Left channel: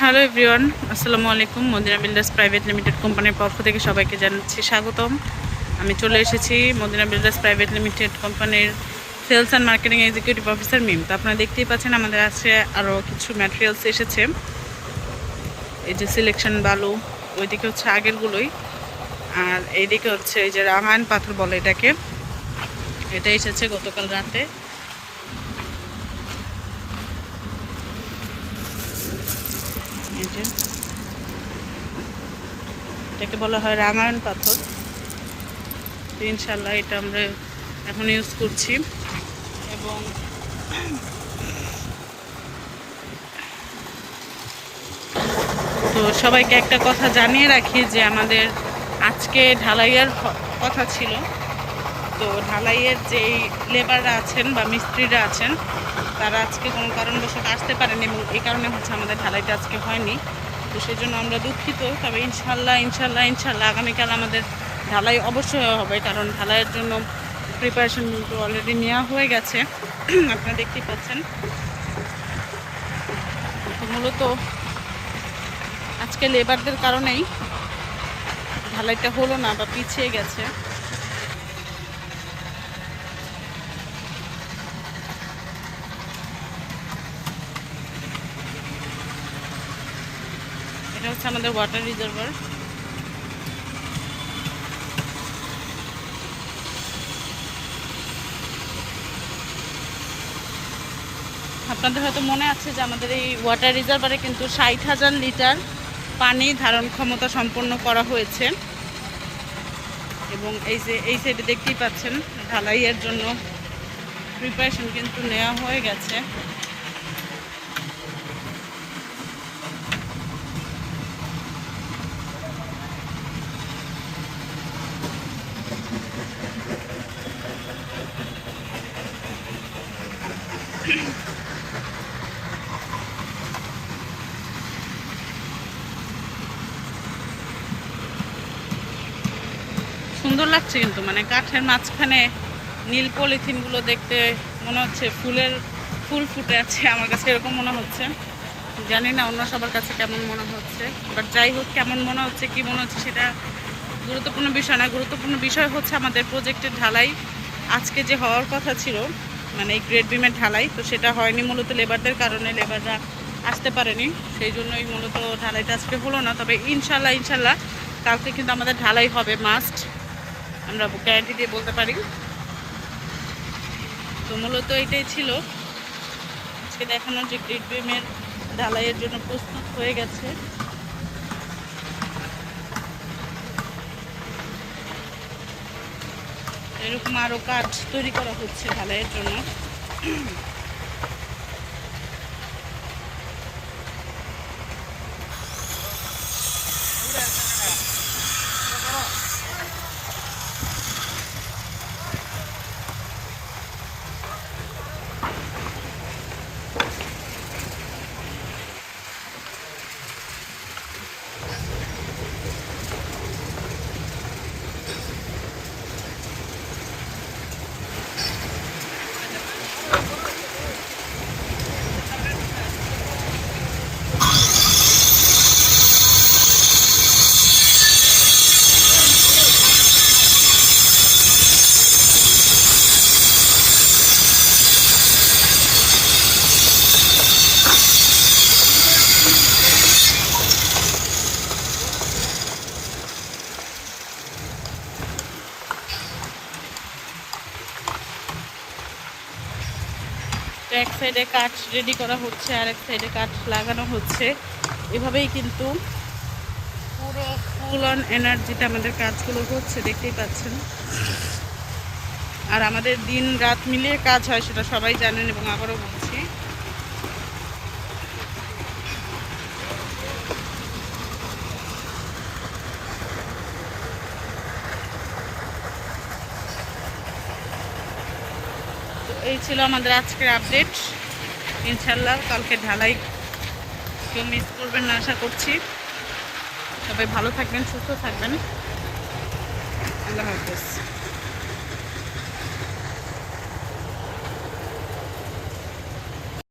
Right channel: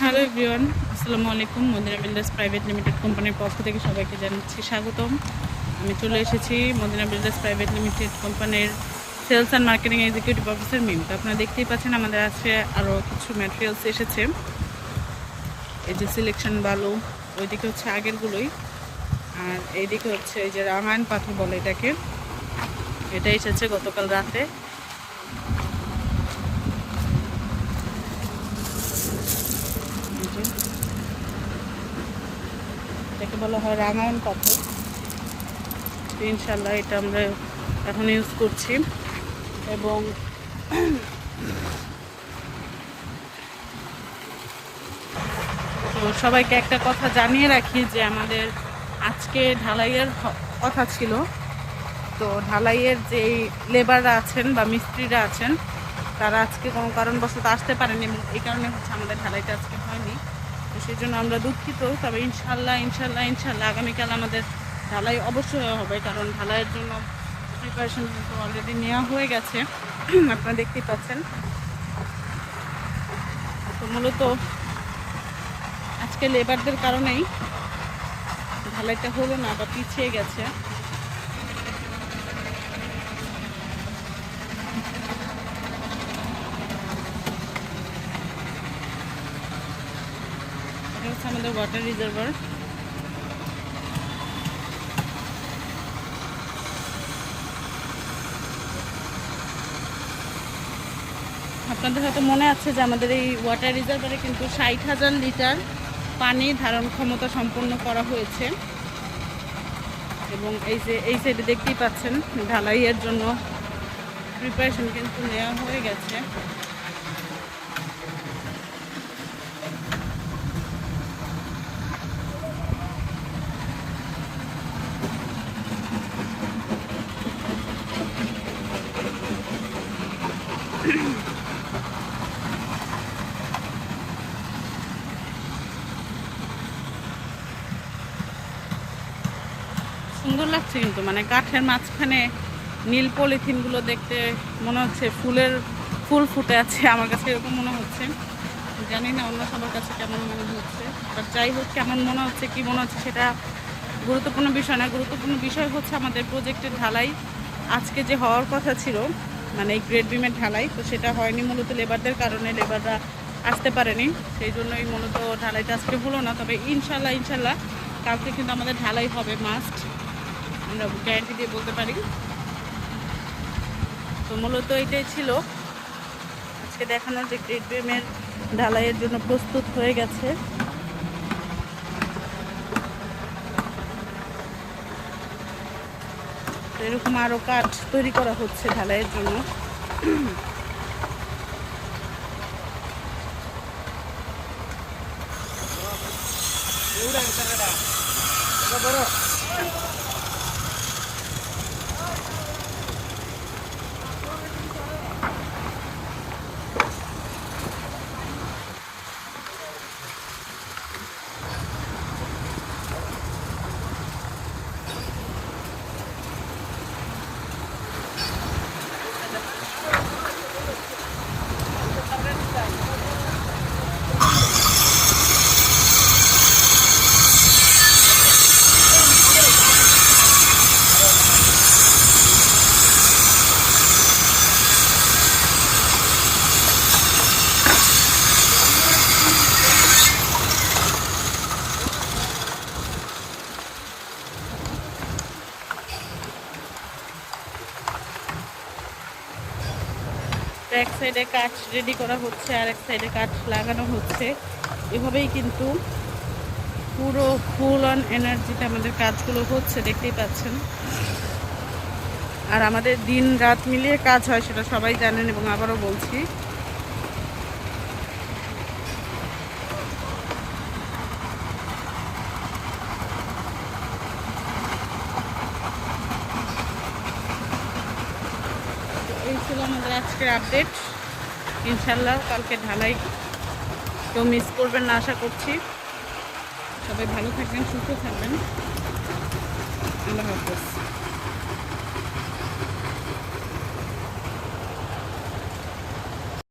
Hello everyone, আসসালামু আলাইকুম। Medina builders private limited কোম্পানির পক্ষ থেকে সবাইকে জানাচ্ছি স্বাগতম। আমি চলে এসেছি মদিনা বিল্ডার্স প্রাইভেট লিমিটেড কোম্পানির sales and marketing executive officer Mim. তো আপনারা দেখতেই পাচ্ছেন আমাদের আছে আরও কিছু ম্যাটেরিয়ালস এসেছে। এই যে সিলেকশন বালু, ওইদিকে হচ্ছে আগেরগুলোই, আর এইদিকে হচ্ছে এই যে রাঙায়ণ পাথর বলে এটাকে, এটা এসেছে গতকাল রাতে। এই যে এটাকে বলা হয় রাঙায়ণ পাথর। ইনশাল্লাহ এটা আমরা এখন ইউজ করছি। এবং তো সবাইকে একটা কথা জানিয়ে রাখি যে আমাদের আজকে ঢালাইয়ের কথা ছিল। তো ঢালাইয়ের যেই লেবাররা আছেন বা মিস্ত্রিরা আছেন তারা আজকে কোনো কারণবশত আসতে পারেনি, এবং এই কারণে হচ্ছে আমাদের ঢালাইটা আজকে হয়নি। তো সেই জন্য আমরা দুঃখিত। তবে ইনশাল্লাহ আগামীকাল আমাদের ঢালাই অবশ্যই হবে, কারণ ঢালাইয়ের জন্য প্রিপারেশন কিন্তু অলরেডি নেওয়া হয়ে গেছে। আপনারা দেখতেই পাচ্ছেন। তো মূলত আজকে লেবারদের কারণেই ঢালাইটা হলো না বা পিছিয়ে গেছে। এটা হচ্ছে আমাদের ওয়াটার রিজার্ভার। আপনাদের হয়তো মনে আছে যে আমাদের এই ওয়াটার রিজার্ভারে কিন্তু 60,000 লিটার পানি ধারণ ক্ষমতা সম্পন্ন করা হয়েছে। এবং এই যে এই সাইডে দেখতেই পাচ্ছেন ঢালাইয়ের জন্য প্রিপারেশন কিন্তু নেওয়া হয়ে গেছে। সুন্দর লাগছে কিন্তু, মানে কাঠের মাঝখানে নীল পলিথিনগুলো দেখতে মনে হচ্ছে ফুল ফুটে আছে। আমার কাছে এরকম মনে হচ্ছে, জানি না অন্য সবার কাছে কেমন মনে হচ্ছে। বাট যাই হোক, কেমন মনে হচ্ছে কি মনে হচ্ছে সেটা গুরুত্বপূর্ণ বিষয় না। গুরুত্বপূর্ণ বিষয় হচ্ছে আমাদের প্রজেক্টের ঢালাই আজকে যে হওয়ার কথা ছিল, মানে এই গ্রেড বিমের ঢালাই, তো সেটা হয়নি মূলত লেবারদের কারণে। লেবাররা আসতে পারেনি, সেই জন্যই মূলত ঢালাইটা আজকে হলো না। তবে ইনশাল্লাহ কালকে কিন্তু আমাদের ঢালাই হবে, মাস্ট, আমরা গ্যারান্টি দিয়ে বলতে পারি। তো মূলত এটাই ছিল আজকে দেখানোর, যে গ্রেড বিমের ঢালাইয়ের জন্য প্রস্তুত হয়ে গেছে। এরকম আরও কাঠ তৈরি করা হচ্ছে ঢালাইয়ের জন্য। তো এক সাইডে কাঠ রেডি করা হচ্ছে, আর এক সাইডে কাঠ লাগানো হচ্ছে। এভাবেই কিন্তু পুরো ফুল অন এনার্জিতে আমাদের কাজগুলো হচ্ছে, দেখতেই পাচ্ছেন। আর আমাদের দিন রাত মিলিয়ে কাজ হয়, সেটা সবাই জানেন, এবং আবারও বলছি। তো এই ছিল আমাদের আজকের আপডেট। ইনশাল্লাহ কালকে ঢালাই কেউ মিস করবেন না আশা করছি। সবাই ভালো থাকবেন, সুস্থ থাকবেন। আল্লাহ হাফেজ।